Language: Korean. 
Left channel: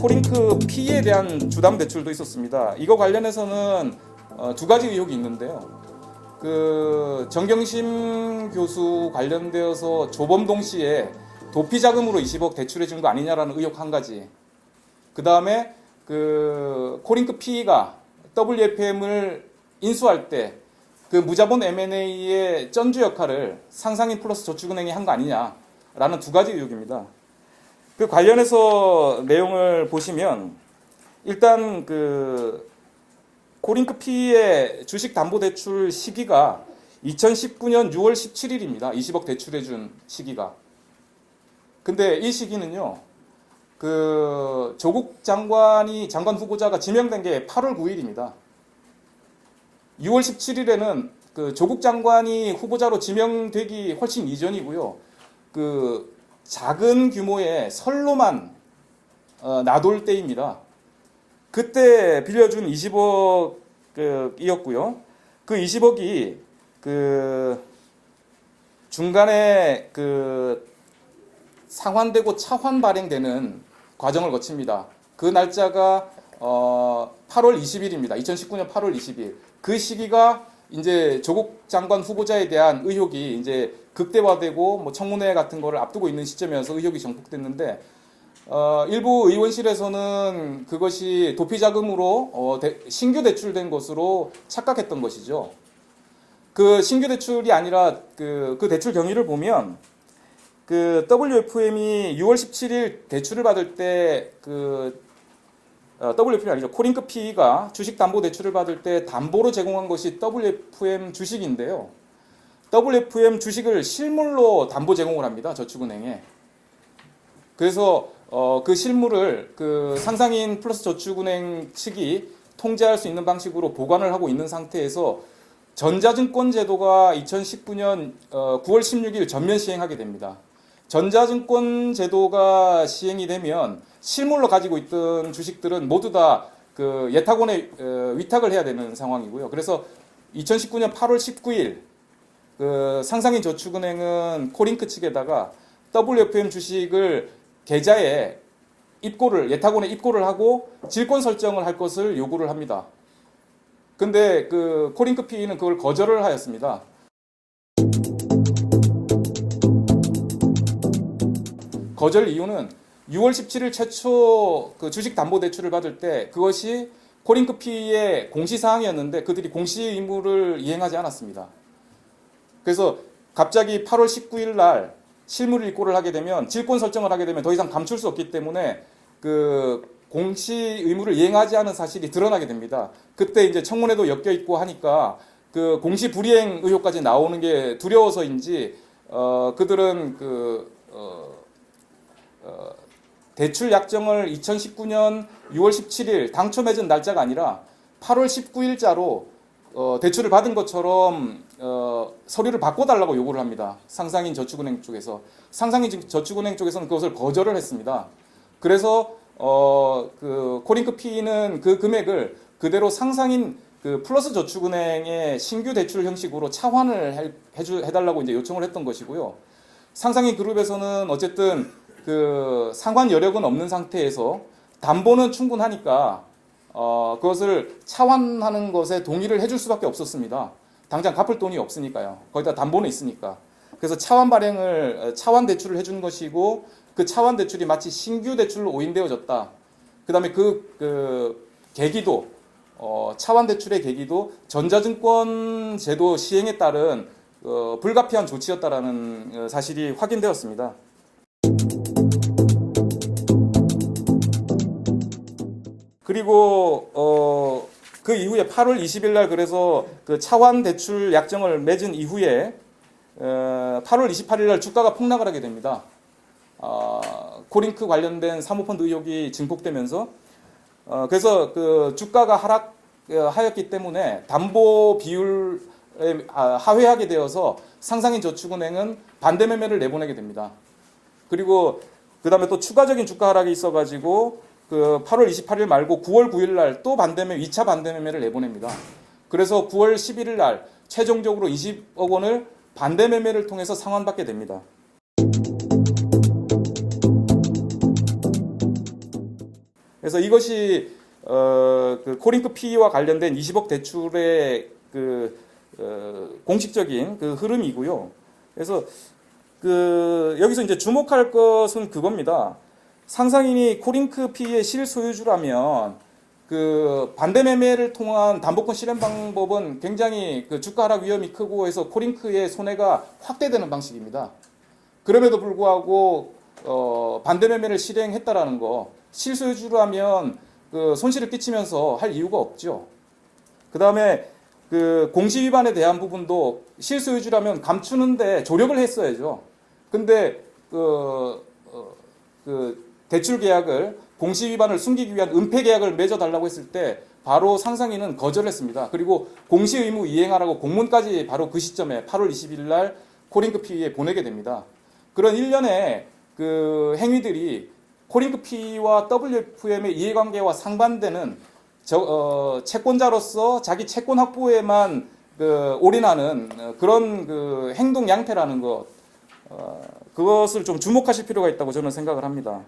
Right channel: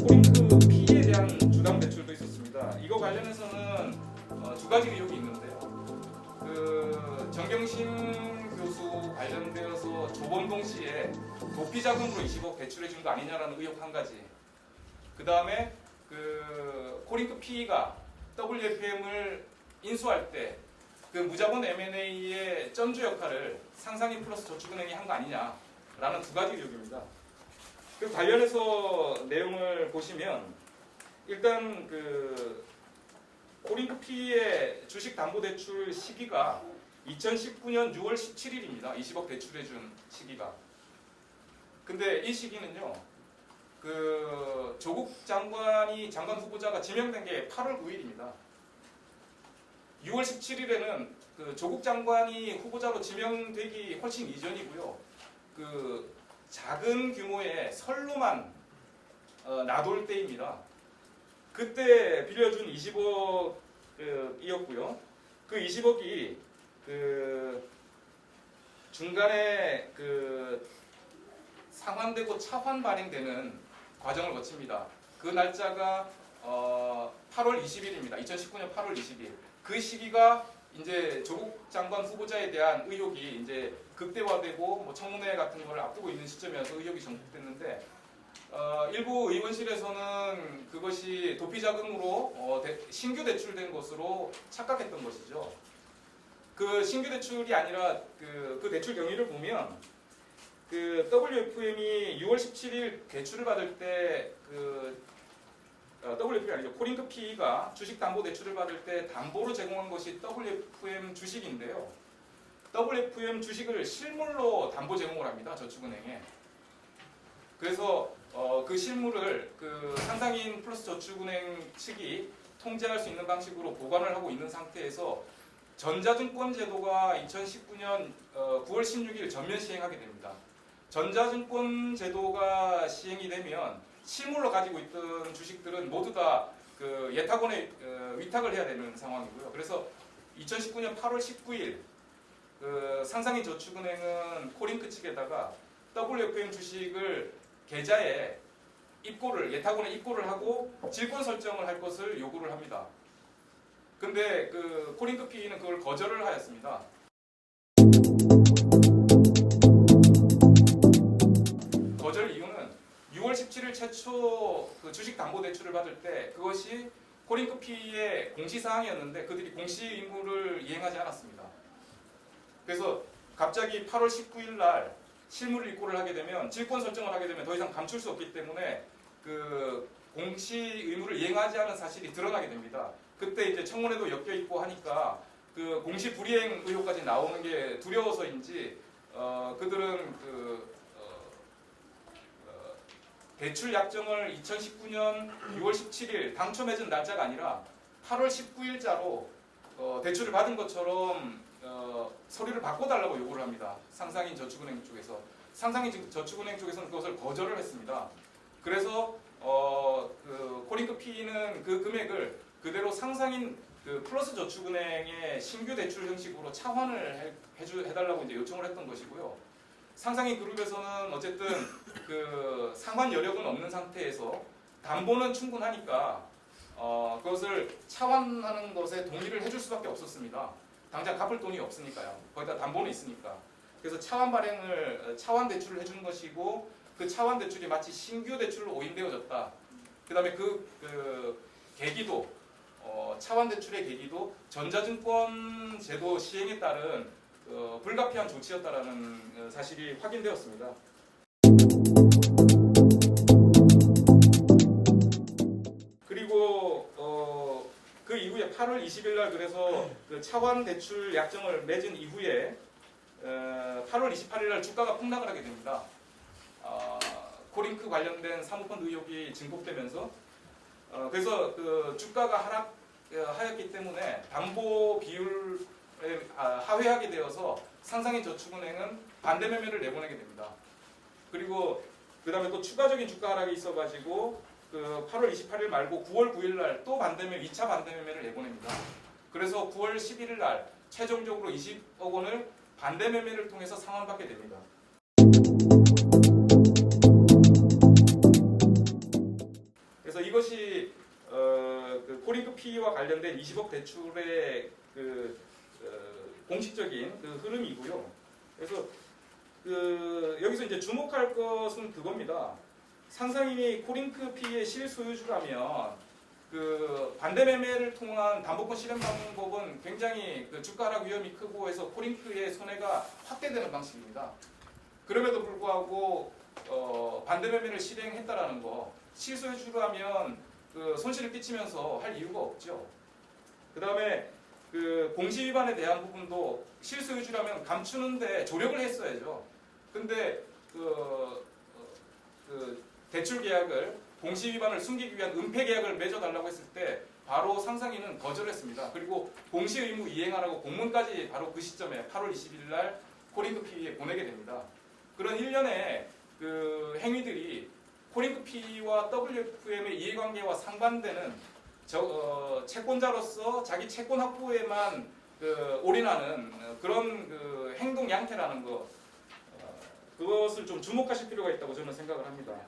코링크 P에 대한 주담 대출도 있었습니다. 이거 관련해서는 두 가지 의혹이 있는데요. 정경심 교수 관련되어서 조범동 씨에 도피 자금으로 20억 대출해 준 거 아니냐라는 의혹 한 가지. 그 다음에 코링크 P가 WFM을 인수할 때 그 무자본 M&A의 전주 역할을 상상인 플러스 저축은행이 한 거 아니냐라는 두 가지 의혹입니다. 그 관련해서 내용을 보시면 일단 코링크 P의 주식 담보 대출 시기가 2019년 6월 17일입니다. 20억 대출해 준 시기가. 근데 이 시기는요. 조국 장관 후보자가 지명된 게 8월 9일입니다. 6월 17일에는 조국 장관이 후보자로 지명되기 훨씬 이전이고요. 작은 규모의 선로만 나돌 때입니다. 그때 빌려준 20억이었고요. 그 20억이 중간에 상환되고 차환 발행되는 과정을 거칩니다. 그 날짜가 8월 20일입니다. 2019년 8월 20일. 그 시기가 이제 조국 장관 후보자에 대한 의혹이 이제 극대화되고 청문회 같은 거를 앞두고 있는 시점이어서 의혹이 정폭됐는데 일부 의원실에서는 그것이 도피 자금으로 신규 대출된 것으로 착각했던 것이죠. 그 신규 대출이 아니라 그 대출 경위를 보면 WFM이 6월 17일 대출을 받을 때 WFM이 아니죠. 코링크 P가 주식 담보 대출을 받을 때 담보로 제공한 것이 WFM 주식인데요. WFM 주식을 실물로 담보 제공을 합니다. 저축은행에. 그래서 그 실물을 상상인 플러스 저축은행 측이 통제할 수 있는 방식으로 보관을 하고 있는 상태에서 전자증권 제도가 2019년 9월 16일 전면 시행하게 됩니다. 전자증권 제도가 시행이 되면 실물로 가지고 있던 주식들은 모두 다 예탁원에 위탁을 해야 되는 상황이고요. 그래서 2019년 8월 19일 상상인 저축은행은 코링크 측에다가 WFM 주식을 계좌에 예탁원에 입고를 하고 질권 설정을 할 것을 요구를 합니다. 근데 코링크 P는 그걸 거절을 하였습니다. 거절 이유는 6월 17일 최초 주식 담보 대출을 받을 때 그것이 코링크 P의 공시사항이었는데 그들이 공시 의무를 이행하지 않았습니다. 그래서 갑자기 8월 19일 날 실물 입고를 하게 되면 질권 설정을 하게 되면 더 이상 감출 수 없기 때문에 공시 의무를 이행하지 않은 사실이 드러나게 됩니다. 그때 이제 청문회도 엮여 있고 하니까 공시 불이행 의혹까지 나오는 게 두려워서인지 그들은 대출 약정을 2019년 6월 17일 당초 맺은 날짜가 아니라 8월 19일자로 대출을 받은 것처럼 서류를 바꿔달라고 요구를 합니다. 상상인 저축은행 쪽에서. 상상인 저축은행 쪽에서는 그것을 거절을 했습니다. 그래서 코링크 P는 그 금액을 그대로 상상인 플러스 저축은행의 신규 대출 형식으로 차환을 해달라고 이제 요청을 했던 것이고요. 상상인 그룹에서는 어쨌든 상환 여력은 없는 상태에서 담보는 충분하니까 그것을 차환하는 것에 동의를 해줄 수밖에 없었습니다. 당장 갚을 돈이 없으니까요. 거기다 담보는 있으니까. 그래서 차환 대출을 해준 것이고 그 차환 대출이 마치 신규 대출로 오인되어졌다. 그다음에 계기도 차환 대출의 계기도 전자증권 제도 시행에 따른 불가피한 조치였다라는 사실이 확인되었습니다. 그리고 그 이후에 8월 20일 날 그래서 차환 대출 약정을 맺은 이후에 8월 28일 날 주가가 폭락을 하게 됩니다. 코링크 관련된 사모펀드 의혹이 증폭되면서 그래서 주가가 하락하였기 때문에 담보 비율에 하회하게 되어서 상상인 저축은행은 반대 매매를 내보내게 됩니다. 그리고 그 다음에 또 추가적인 주가 하락이 있어가지고 8월 28일 말고 9월 9일 날 또 2차 반대 매매를 내보냅니다. 그래서 9월 11일 날 최종적으로 20억 원을 반대 매매를 통해서 상환받게 됩니다. 그래서 이것이 그 코링크 P와 관련된 20억 대출의 그 공식적인 그 흐름이고요. 그래서 그 여기서 이제 주목할 것은 그겁니다. 상상인이 코링크 P의 실소유주라면 그 반대 매매를 통한 담보권 실행 방법은 굉장히 그 주가 하락 위험이 크고 해서 코링크의 손해가 확대되는 방식입니다. 그럼에도 불구하고 반대 매매를 실행했다라는 거, 실소유주라면 그 손실을 끼치면서 할 이유가 없죠. 그 다음에 그 공시 위반에 대한 부분도 실소유주라면 감추는데 조력을 했어야죠. 근데 그 대출 계약을 공시 위반을 숨기기 위한 은폐 계약을 맺어달라고 했을 때 바로 상상인은 거절했습니다. 그리고 공시 의무 이행하라고 공문까지 바로 그 시점에 8월 20일 날 코링크 P에 보내게 됩니다. 그런 일련의 그 행위들이 코링크 P와 WFM의 이해관계와 상반되는 채권자로서 자기 채권 확보에만 그 올인하는 그런 그 행동 양태라는 것, 그것을 좀 주목하실 필요가 있다고 저는 생각을 합니다.